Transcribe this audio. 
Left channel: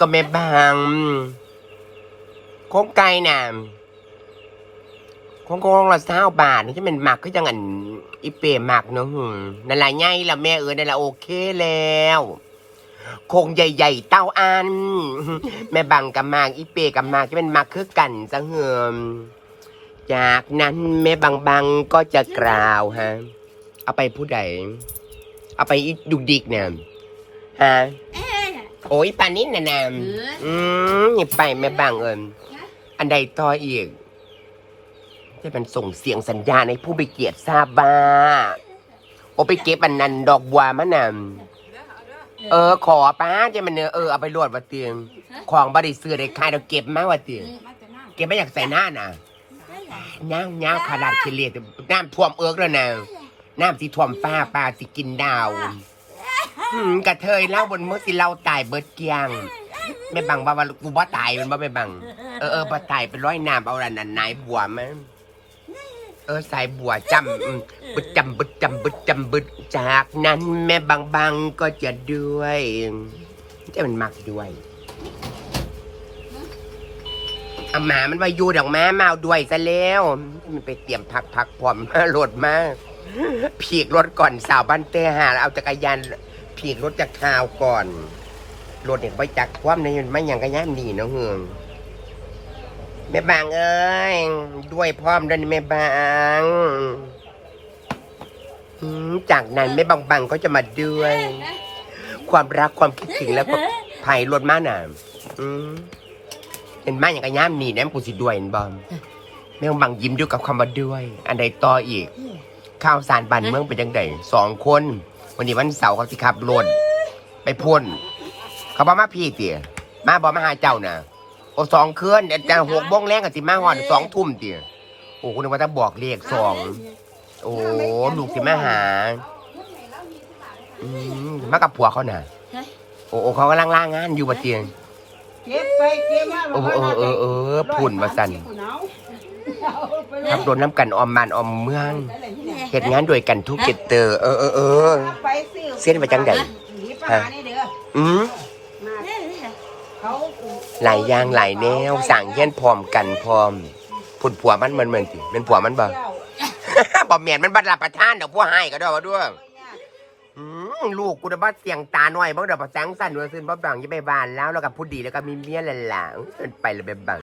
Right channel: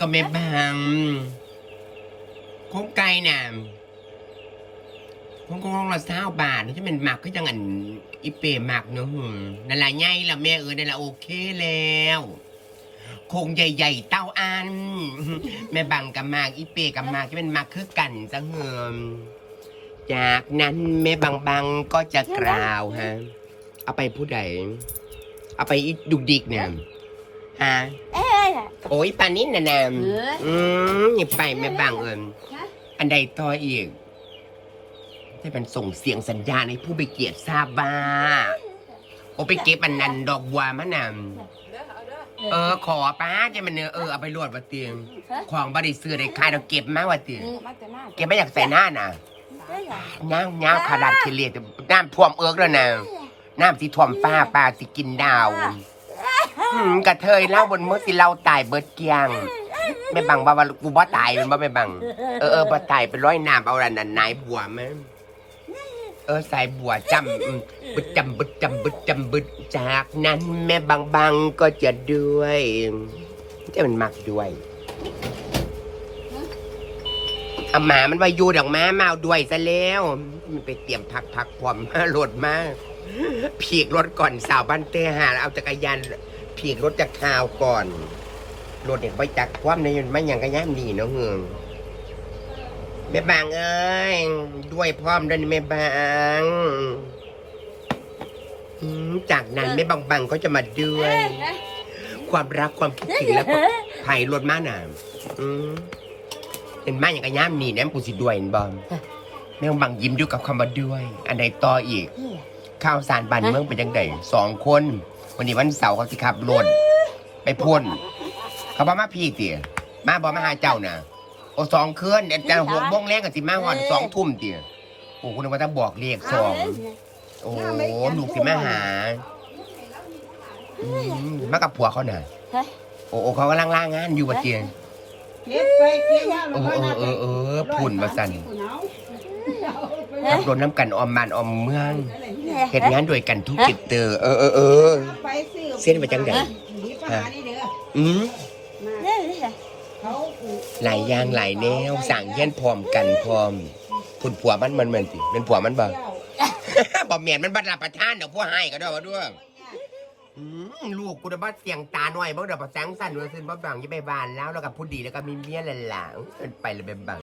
ก็ไม่บางโค้งไก่น่ะโค้งโค้งละเศร้าบาทนี่จะเป็นหมักก็จังอันอีเปรหมักเนาะหึนั่นละไงละแม่เออนั่นละโอเคแล้วโคงใหญ่ ๆ เต้าอัน แม่บังกับหมากอีเปกับหมากจะเป็นหมักคือกันซะเหิมจากนั้นแม่บังบังก็จะกล่าวฮะ เอาไปผู้ใด เอาไปอีดุกดิกเนี่ยฮะ โอ้ยปานนี้นะนามเอออืมอย่าไปแม่บังเอิญฮะอันใดต่ออีกให้มันส่งเสียงสัญญาณให้ผู้ไปเกียรติทราบบ้าโอไปเก็บอันนั้นดอกบัวมะนำเออ ขอป้าจะมันเนื้อเออเอาไปรวดว่าเตียง ของบริซื้อได้ค่ายเราเก็บมาว่าเตียงเก็บไม่อยากใส่หน้าน่ะน้ำน้ำขาดเคลียดน้ำท่วมเอิกแล้วนะน้ำที่ท่วมฟ้าปลาสิกินดาว อืมกระเทยเล่าบนมือสิเราตายเบิดเกียงไม่บังว่าว่ากูบ่ตายมันบ่ไม่บัง เออเออบ่ตายเป็นร้อยน้ำเอาอันนั้นไหนบัวมั้ยเออสายบัวจำอืมบึดจำบึดจำบึดจำบึดจากนั้น แม่บังบังก็จะด้วยจะมันมักด้วยเอาหมามันว่าอยู่ดอกม้ามาเอาด้วยซะแล้วมันไปเตรียมพักพักพร้อมมารถมาผีกรถก่อนสาวบ้านเตหาเอาจักรยาน ผีกรถจากข่าวก่อนรถเนี่ยไปจักความในมันไม่ยังกระย่ามดีเนาะเฮืองแม่บางเอ้ยด้วยพร้อมด้วยนี่แม่บางอืมจากนั้นแม่บางบางก็จะมาด้วย ความรักความคิดถึงแล้วก็ไผ่รถมาหนาอืมเป็นมาอย่างกระย่ามนี่นะกูสิด้วยเห็นบอมแม่บางบางยิ้มอยู่กับคำว่าด้วย อันใดต่ออีก ข้าวสารบ้านเมืองเป็นยังไงสองคน วันนี้วันเสาร์เขาสิขับรถไปพ่น เขาบอกมาพี่เตี๋ยมาบอกมาหาเจ้าน่ะ โอ้สองคืนเดี๋ยวจะหกโมงแรงกับสิมาหอดสองทุ่มเตี๋ยโอ้คุณนึกว่าจะบอกเลขสองโอ้ลูกสิมาหาอืมมากับผัวเขาน่ะโอ้โอ้เขากำลังล่างงานอยู่บะเตียงเก็บไปเก็บมาเออเออเออเออพุ่นมาสั่น ขับรถน้ำกันออมบ้านออมเมืองเหตุงานด้วยกันทุกกิจเตอร์ เออเออเออไปซื้อเส้นไปจังใดหนีปลานี่เด้ออืมมาเขาหลายอย่างหลายแนวสั่งเย็นพร้อมกันพร้อมพุ่นผัวมันมันเหมือนติเป็นผัวมันบ่เจ้าบ่เมียนมันบัดรับประทานเดี๋ยวพวกให้ก็ได้ว่าด้วยอืมลูกกูจะบ้าเสียงตาหน่อยบ้างเดี๋ยวประแสงสั่นด้วยซึ่งบ้าบังอยี่ไปบ้านแล้วแล้วกับผู้ดีแล้วก็มีเมียหล่ะๆเอิ้นไปเลยไปบัง